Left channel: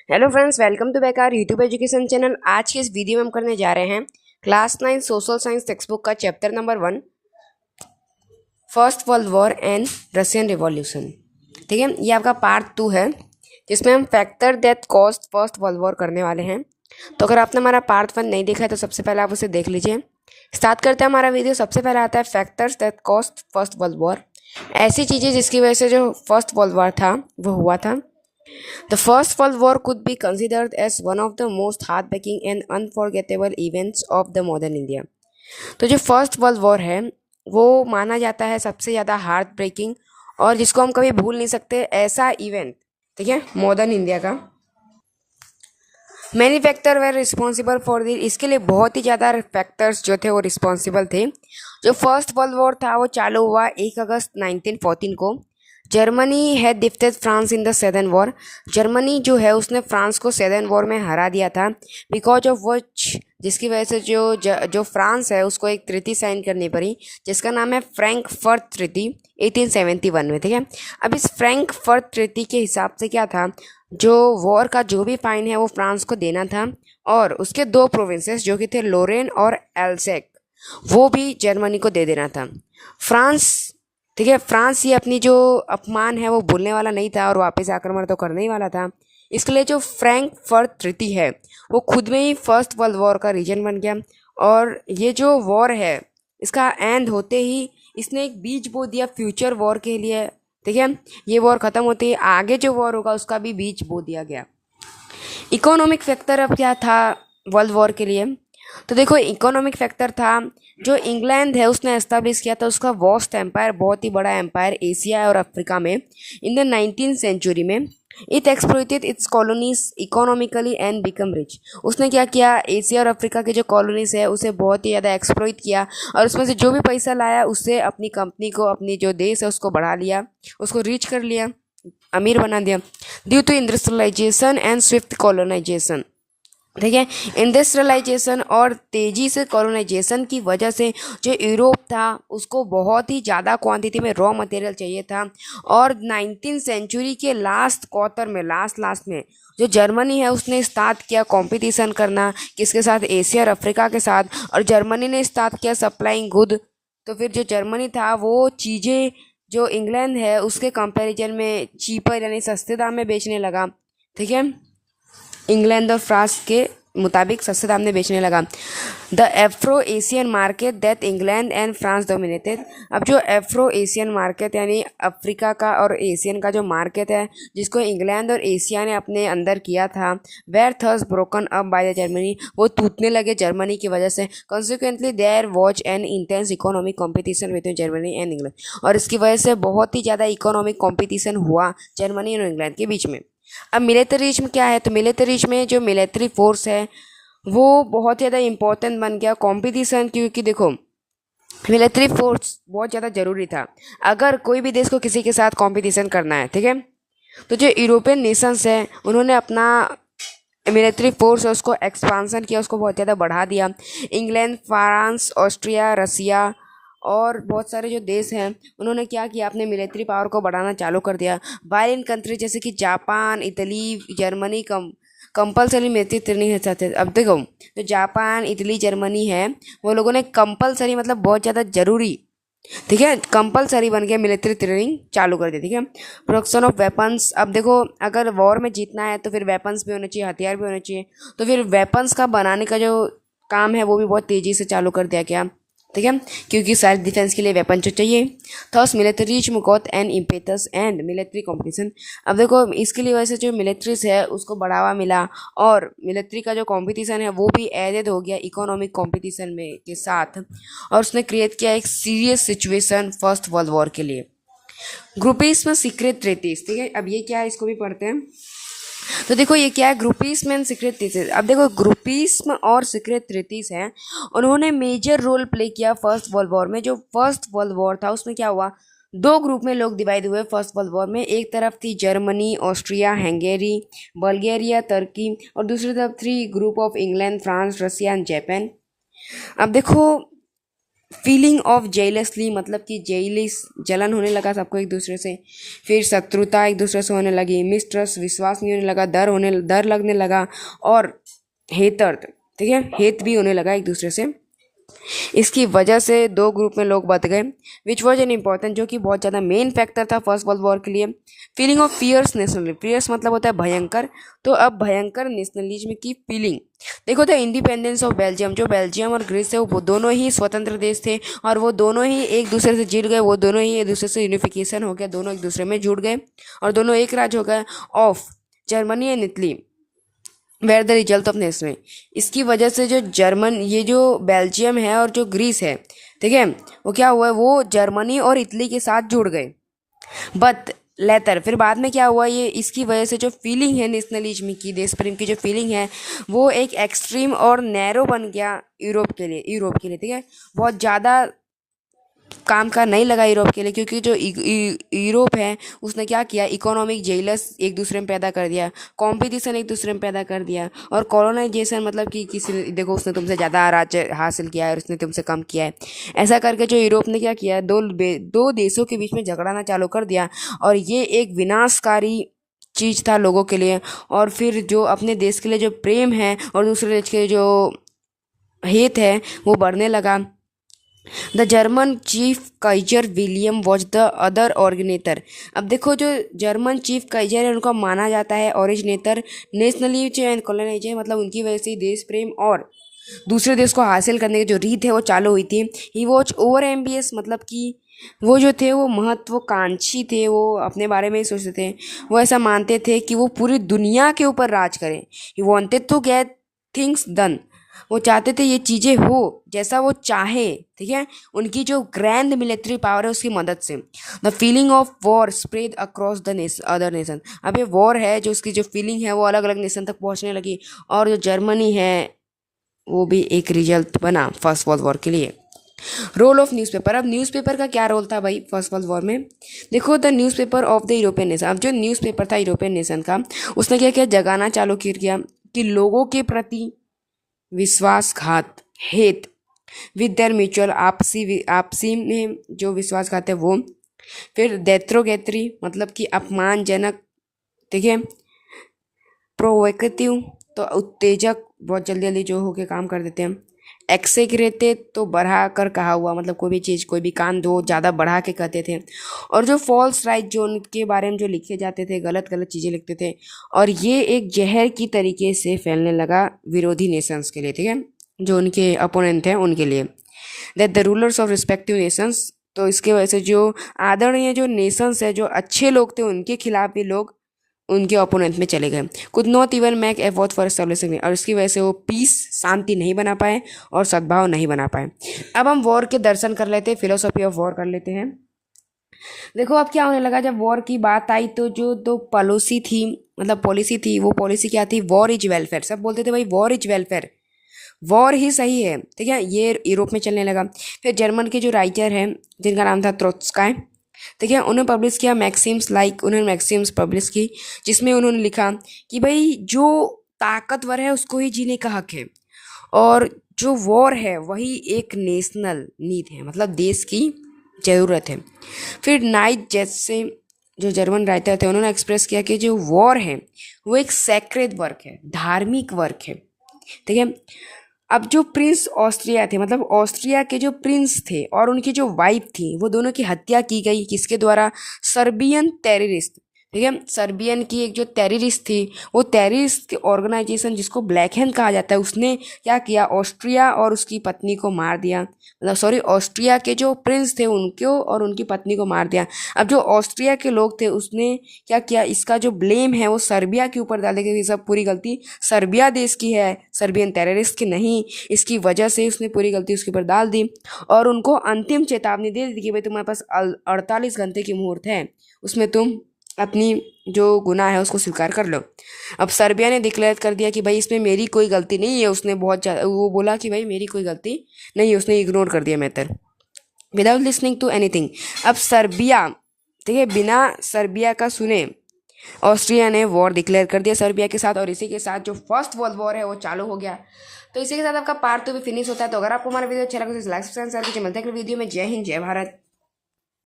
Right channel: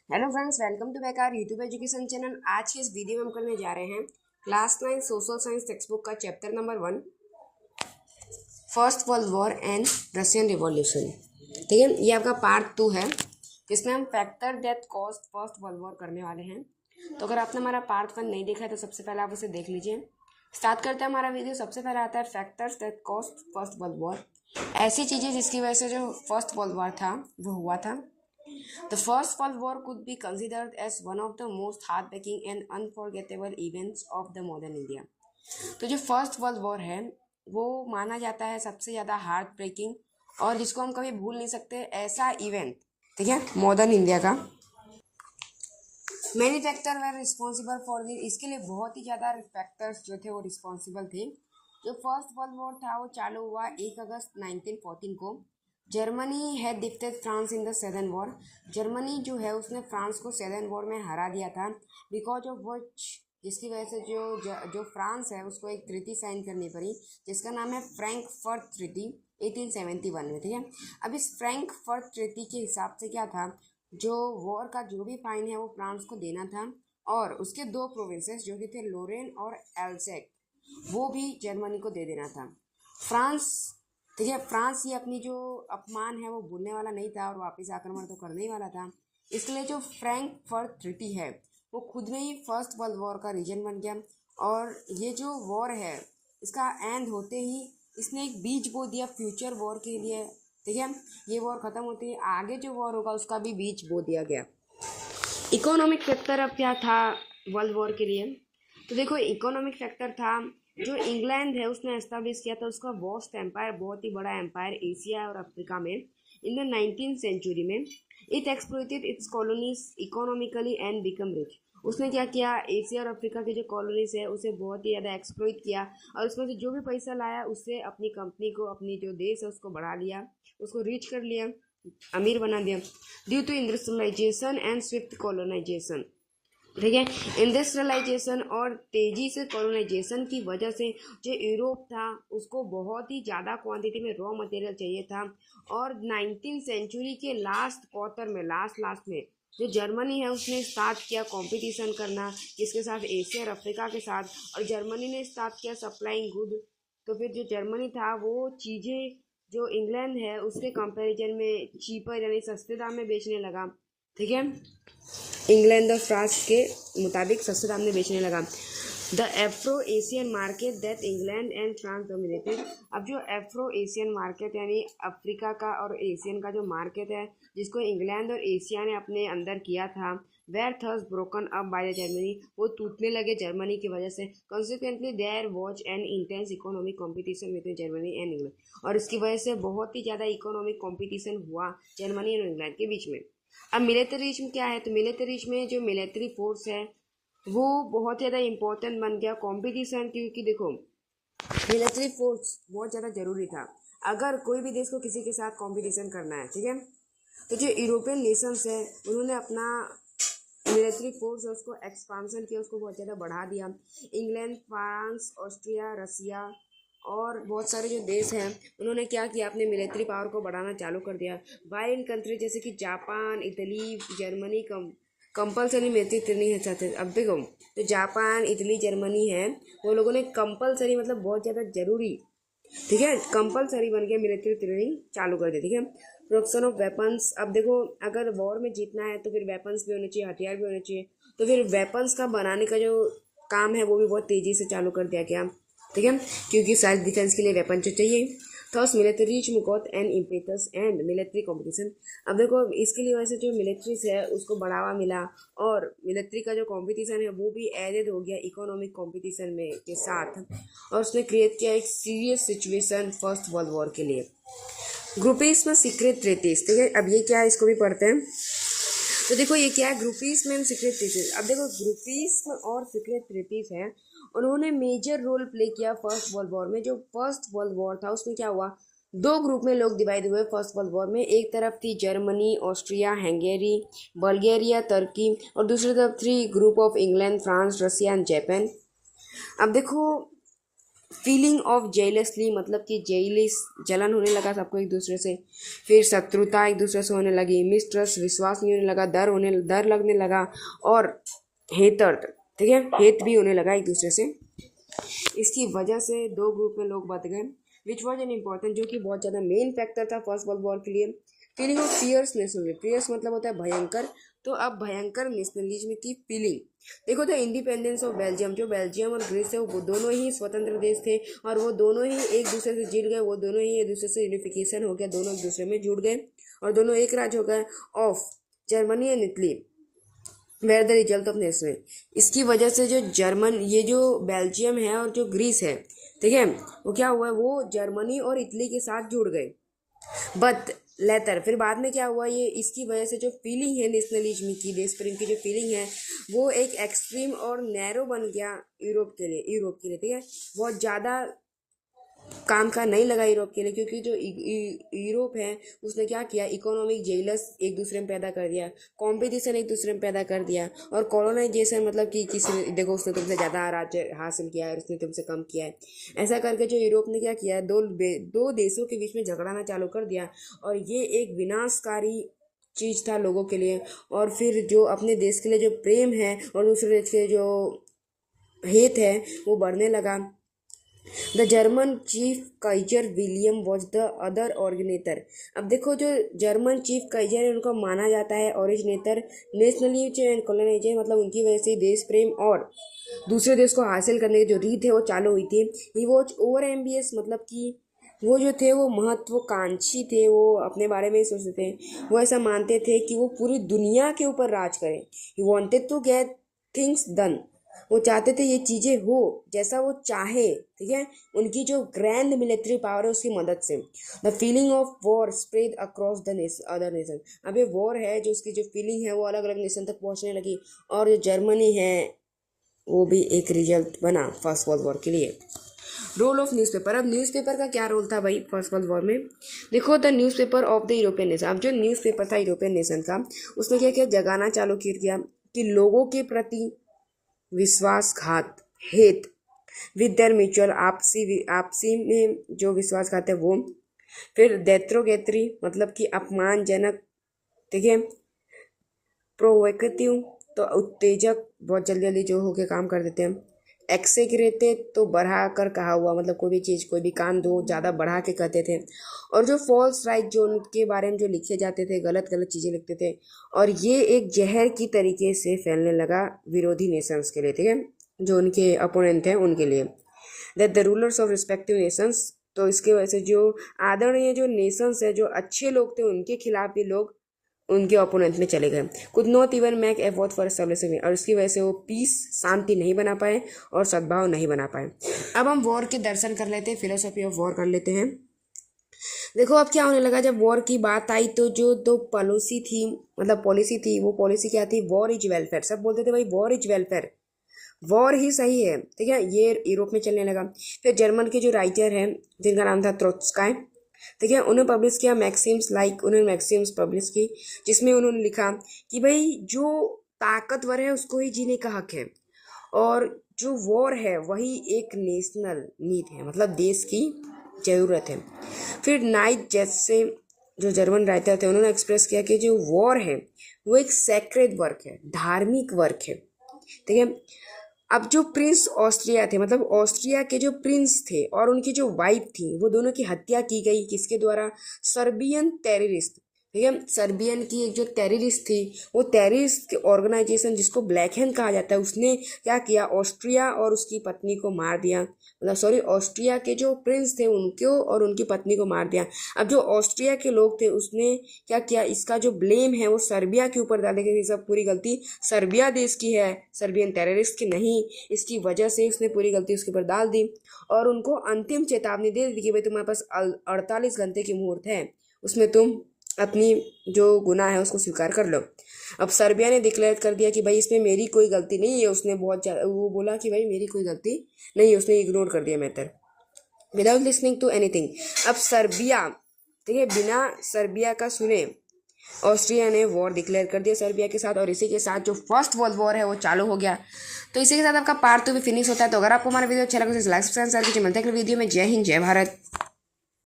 Hello friends, welcome to back our YouTube education channel. आज के इस वीडियो में हम करने जा रहे हैं class 9 social science text book का chapter number 1, first world war and Russian revolution. ठीक है, ये आपका पार्ट 2 है जिसमें हम factor that caused first world war करने वाले हैं। तो अगर आपने हमारा पार्ट 1 नहीं देखा है तो सबसे पहले आप उसे देख लीजिए। स्टार्ट करते हैं हमारा वीडियो। सबसे पहले आता है factors that caused first world war, ऐसी चीज़ें जिसकी वजह से जो फर्स्ट वर्ल्ड वॉर था वो हुआ था। The First World War could be considered as one of the most heartbreaking and unforgettable events of the modern India। तो जो फर्स्ट वर्ल्ड वॉर है वो माना जाता है सबसे ज़्यादा हार्ट ब्रेकिंग और जिसको हम कभी भूल नहीं सकते ऐसा इवेंट, ठीक है, मॉडर्न इंडिया का। Many factor were responsible for this, इसके लिए बहुत ही ज़्यादा फैक्टर्स जो थे वो रिस्पॉन्सिबल थे। जो फर्स्ट वर्ल्ड वॉर था वो चालू हुआ 1 अगस्त 1914 को। Germany had defeated France in the southern war. Germany जो है उसने फ्रांस को सेदर्न वॉर में हरा दिया था, बिकॉज ऑफ व्हिच, जिसकी वजह से जो फ्रांस है उसको एक ट्रीटी साइन करनी पड़ी जिसका नाम है फ्रैंकफर्ट ट्रीटी 1871 में। ठीक है, अब इस फ्रैंकफर्ट ट्रीटी के हिसाब से क्या था, जो वॉर का जो भी फाइन है वो फ्रांस को देना था और उसके 2 प्रोविंसेस जो कि थे लोरेन और एल्सेक वो भी जर्मनी को दे देना था। फ्रांस, ठीक है, फ्रांस ये अपनी जो अपमान है वो भूलने वाला नहीं था और वापस आक्रमण तो करने ही वाला था। इसके लिए जो फ्रैंकफर्ट ट्रीटी है वो खुद में ही फर्स्ट वर्ल्ड वॉर का रीजन बन गया। और ये जो वॉर है इसका एंड होते ही इसने एक बीज बो दिया फ्यूचर वॉर के लिए। ठीक है, ये वॉर ख़त्म होते ही आगे जो वॉर होगा उसका भी बीज बो दिया गया। इकोनॉमिक फैक्टर अब क्या था वर्ल्ड वॉर के लिए, तो देखो इकोनॉमिक फैक्टर था जो इंग्लैंड है उसने एस्टेब्लिश किया था उसका वॉस्ट एम्पायर, बहुत ही बड़ा एम्पायर एशिया और अफ्रीका में इन द 19th सेंचुरी में। It exploited it's colonies economically and become rich. उसने क्या किया, एशिया और अफ्रीका के जो कॉलोनीज है उसे बहुत ही ज़्यादा एक्सप्लॉइट किया और उसमें से जो भी पैसा लाया उससे अपनी कंपनी को, अपनी जो देश है उसको बढ़ा लिया, उसको रीच कर लिया, अमीर बना दिया। Due to industrialisation and swift colonisation, ठीक है, इंडस्ट्रियलाइजेशन और तेज़ी से कॉलोनाइजेशन की वजह से जो यूरोप था उसको बहुत ही ज़्यादा क्वांटिटी में रॉ मटेरियल चाहिए था। और 19th सेंचुरी के लास्ट क्वार्टर में, लास्ट में जो जर्मनी है उसने स्टार्ट किया कंपटीशन करना, किसके साथ, एशिया और अफ्रीका के साथ। और जर्मनी ने स्टार्ट किया सप्लाइंग गुड। तो फिर जो जर्मनी था वो चीज़ें जो इंग्लैंड है उसके कंपैरिजन में चीपर यानी सस्ते दाम में बेचने लगा। ठीक है, इंग्लैंड और फ्रांस के मुताबिक सस्ते दाम में बेचने लगा। The Afro Asian market that England and France dominated. अब जो एफ्रो एशियन मार्केट यानी अफ्रीका का और एशियन का जो मार्केट है जिसको इंग्लैंड और एशिया ने अपने अंदर किया था, were thus broken up by the Germany, वो टूटने लगे जर्मनी की वजह से। Consequently there was an intense economic competition with Germany and England, और इसकी वजह से बहुत ही ज़्यादा इकोनॉमिक कॉम्पिटिशन हुआ जर्मनी और इंग्लैंड के बीच में। अब मिलिट्रिज्म क्या है, तो मिलिट्रिज्म में जो मिलिट्री फोर्स है वो बहुत ज़्यादा इम्पोर्टेंट बन गया कंपटीशन, क्योंकि देखो मिलिट्री फोर्स बहुत ज़्यादा ज़रूरी था अगर कोई भी देश को किसी के साथ कंपटीशन करना है। ठीक है, तो जो यूरोपियन नेशंस हैं उन्होंने अपना मिलिट्री फोर्स है उसको एक्सपांसन किया, उसको बहुत ज़्यादा बढ़ा दिया। इंग्लैंड, फ्रांस, ऑस्ट्रिया, रसिया और बहुत सारे जो देश हैं उन्होंने क्या किया, अपने मिलिट्री पावर को बढ़ाना चालू कर दिया। वाइल इन कंट्री जैसे कि Japan, Italy, Germany compulsory military training चाहते थे। अब देखो जो जापान, इटली, जर्मनी है वो लोगों ने कंपलसरी मतलब बहुत ज़्यादा ज़रूरी, ठीक है, कंपलसरी बन गया, मिलिट्री ट्रेनिंग चालू कर दी। ठीक है, प्रोडक्शन ऑफ वेपन्स। अब देखो अगर वॉर में जीतना है तो फिर वेपन्स भी होने चाहिए, हथियार भी होने चाहिए, तो फिर वेपन्स का बनाने का जो काम है वो भी बहुत तेज़ी से चालू कर दिया गया। ठीक है, क्योंकि सेल्फ डिफेंस के लिए वेपन जो चाहिए। Thus militarism got an impetus and military competition. अब देखो इसके लिए वैसे जो मिलिट्रीज है उसको बढ़ावा मिला और मिलिट्री का जो कंपटीशन है वो भी एडेड हो गया इकोनॉमिक कंपटीशन में के साथ, और उसने क्रिएट किया एक serious situation first world war के लिए। ग्रुपिज्म सीक्रेट ट्रीटीज, ठीक है, अब ये क्या है इसको भी पढ़ते हैं। तो देखो ये क्या है, ग्रुपिज्म एंड सीक्रेट ट्रीटीज। अब देखो ग्रुपिज्म और सीक्रेट ट्रीटीज हैं, उन्होंने मेजर रोल प्ले किया फर्स्ट वर्ल्ड वॉर में। जो फर्स्ट वर्ल्ड वॉर था उसमें क्या हुआ, 2 ग्रुप में लोग डिवाइड हुए फर्स्ट वर्ल्ड वॉर में। एक तरफ थी Germany, Austria, Hungary, Bulgaria, Turkey, और दूसरी तरफ थी group of England, France, Russia and Japan. अब देखो फीलिंग ऑफ जेलसली मतलब कि जेलिस जलन होने लगा सबको एक दूसरे से। फिर शत्रुता एक दूसरे से होने लगी, मिसट्रस्ट विश्वास नहीं होने लगा, डर लगने लगा, और हेतर्द, ठीक है, हेत भी होने लगा एक दूसरे से। इसकी वजह से दो ग्रुप में लोग बच गए, विच वॉज एन इम्पॉर्टेंट, जो कि बहुत ज़्यादा मेन फैक्टर था फर्स्ट वर्ल्ड वॉर के लिए। Feeling of fierce national, fierce मतलब होता है भयंकर, तो अब भयंकर नेशनलिज्म की फीलिंग। देखो द इंडिपेंडेंस ऑफ बेल्जियम, जो बेल्जियम और ग्रीस है वो दोनों ही स्वतंत्र देश थे, और वो दोनों ही एक दूसरे से जुड़ गए, वो दोनों ही एक दूसरे से यूनिफिकेशन हो गया, दोनों एक दूसरे में जुड़ गए और दोनों एक राज्य हो गए of Germany and Italy, where the result of nation. इसकी वजह से जो जर्मन, ये जो बेल्जियम है और जो ग्रीस है, ठीक है, वो क्या हुआ है, वो जर्मनी और इटली के साथ जुड़ गए। बट लेटर, फिर बाद में क्या हुआ, ये इसकी वजह से जो फीलिंग है नेशनलिज्म की, देश प्रेम की जो फीलिंग है, वो एक एक्सट्रीम और नैरो बन गया यूरोप के लिए, ठीक है। बहुत ज़्यादा काम का नहीं लगा यूरोप के लिए, क्योंकि जो यूरोप है उसने क्या किया, इकोनॉमिक जेलस एक दूसरे में पैदा कर दिया, कंपटीशन एक दूसरे में पैदा कर दिया, और कॉलोनाइजेशन मतलब कि किसी, देखो उसने तुमसे ज़्यादा राज्य हासिल किया है और उसने तुमसे कम किया है। ऐसा करके जो यूरोप ने क्या किया, दो देशों के बीच में झगड़ाना चालू कर दिया, और ये एक विनाशकारी चीज़ था लोगों के लिए। और फिर जो अपने देश के लिए जो प्रेम है और दूसरे देश के जो हेत है वो बढ़ने लगा। The German chief Kaizer William was the other ऑर्गेनेटर। अब देखो जो जर्मन चीफ काइजर है उनको माना जाता है ओरिजिनेटर नेशनलिज्म एंड कॉलोनाइजेशन, मतलब उनकी वजह से देश प्रेम और दूसरे देश को हासिल करने की जो रीत है वो चालू हुई थी। ही वॉज ओवर एम्बियस, मतलब कि वो जो थे वो महत्वाकांक्षी थे, वो अपने बारे में ही सोचते थे, वो ऐसा मानते थे कि वो पूरी दुनिया के ऊपर राज करें। He wanted to get things done, वो चाहते थे ये चीज़ें हो जैसा वो चाहे, ठीक है, उनकी जो ग्रैंड मिलिट्री पावर है उसकी मदद से। The feeling of war spread across the other nation. अब ये वॉर है जो उसकी जो फीलिंग है वो अलग अलग नेशन तक पहुंचने लगी, और जो जर्मनी है वो भी एक रिजल्ट बना फर्स्ट वर्ल्ड वॉर के लिए। रोल ऑफ न्यूज़पेपर, अब न्यूज़पेपर का क्या रोल था भाई फर्स्ट वर्ल्ड वॉर में। देखो the newspaper of the European nation, अब जो न्यूज़पेपर था यूरोपियन नेशन का, उसने क्या किया, जगाना चालू किया कि लोगों के प्रति विश्वासघात, हेत, विद देयर म्यूचुअल, आपसी में जो विश्वासघात है वो। फिर देत्रोगेत्री मतलब कि अपमानजनक, ठीक है, प्रोवोकेटिव तो उत्तेजक, बहुत जल्दी जल्दी जो होके काम कर देते हैं। एक्सेग्रेटे तो बढ़ा कर कहा हुआ, मतलब कोई भी चीज़ कोई भी कांड हो ज़्यादा बढ़ा के कहते थे। और जो फॉल्स राइट, जो उनके बारे में जो लिखे जाते थे, गलत गलत चीज़ें लिखते थे, और ये एक जहर की तरीके से फैलने लगा विरोधी नेशंस के लिए, ठीक है, जो उनके अपोनेंट हैं उनके लिए। That the rulers of respective Nations, तो इसके वजह से जो आदरणीय जो नेशंस है, जो अच्छे लोग थे, उनके खिलाफ भी लोग उनके ओपोनेंट में चले गए। Could not even make effort for establishing, और इसकी वजह से वो पीस, शांति नहीं बना पाए और सद्भाव नहीं बना पाए। अब हम वॉर के दर्शन कर लेते हैं, फिलोसॉफी ऑफ वॉर कर लेते हैं। देखो अब क्या होने लगा, जब वॉर की बात आई तो जो दो पॉलिसी थी, मतलब पॉलिसी थी, वो पॉलिसी क्या थी, वॉर इज वेलफेयर। सब बोलते थे भाई वॉर इज वेलफेयर, वॉर ही सही है, ठीक है, ये यूरोप में चलने लगा। फिर जर्मन के जो राइटर हैं जिनका नाम था ट्रोत्स्काय, ठीक है, उन्होंने पब्लिश किया मैक्सिम्स, उन्होंने मैक्सिम्स पब्लिश की, जिसमें उन्होंने लिखा कि भाई जो ताकतवर है उसको ही जीने का हक है, और जो वॉर है वही एक नेशनल नीड है, मतलब देश की ज़रूरत है। फिर नाइट जैसे जो जर्मन राइटर थे उन्होंने एक्सप्रेस किया कि जो वॉर है वो एक सैक्रेड वर्क है, धार्मिक वर्क है, ठीक है। अब जो प्रिंस ऑस्ट्रिया थे, मतलब ऑस्ट्रिया के जो प्रिंस थे और उनकी जो वाइफ थी, वो दोनों की हत्या की गई, किसके द्वारा, सर्बियन टेररिस्ट, ठीक है, सर्बियन की एक जो टेररिस्ट थी, वो टेररिस्ट ऑर्गेनाइजेशन जिसको ब्लैक हैंड कहा जाता है, उसने क्या किया, ऑस्ट्रिया और उसकी पत्नी को मार दिया, मतलब सॉरी, ऑस्ट्रिया के जो प्रिंस थे उनको और उनकी पत्नी को मार दिया। अब जो ऑस्ट्रिया के लोग थे उसने क्या किया, इसका जो ब्लेम है वो सर्बिया के ऊपर डाल दिया कि सब पूरी गलती सर्बिया देश की है, सर्बियन टेररिस्ट की नहीं। इसकी वजह से उसने पूरी गलती उसके ऊपर डाल दी और उनको अंतिम चेतावनी दे दी कि भाई तुम्हारे पास 48 घंटे की मुहूर्त है, उसमें तुम अपनी जो गुनाह है उसको स्वीकार कर लो। अब सर्बिया ने डिक्लेयर कर दिया कि भाई इसमें मेरी कोई गलती नहीं है, उसने बहुत ज़्यादा वो बोला कि भाई मेरी कोई गलती नहीं है, उसने इग्नोर कर दिया matter without listening to anything. अब सर्बिया, ठीक है, बिना सर्बिया का सुने ऑस्ट्रिया ने वॉर डिक्लेयर कर दिया सर्बिया के साथ, और इसी के साथ जो फर्स्ट वर्ल्ड वॉर है वो चालू हो गया। तो इसी के साथ आपका पार्ट 2 भी फिनिश होता है। तो अगर आपको हमारा वीडियो अच्छा लगा तो लाइक सब्सक्राइब कीजिए। मिलते हैं अगले वीडियो में। जय हिंद, जय भारत।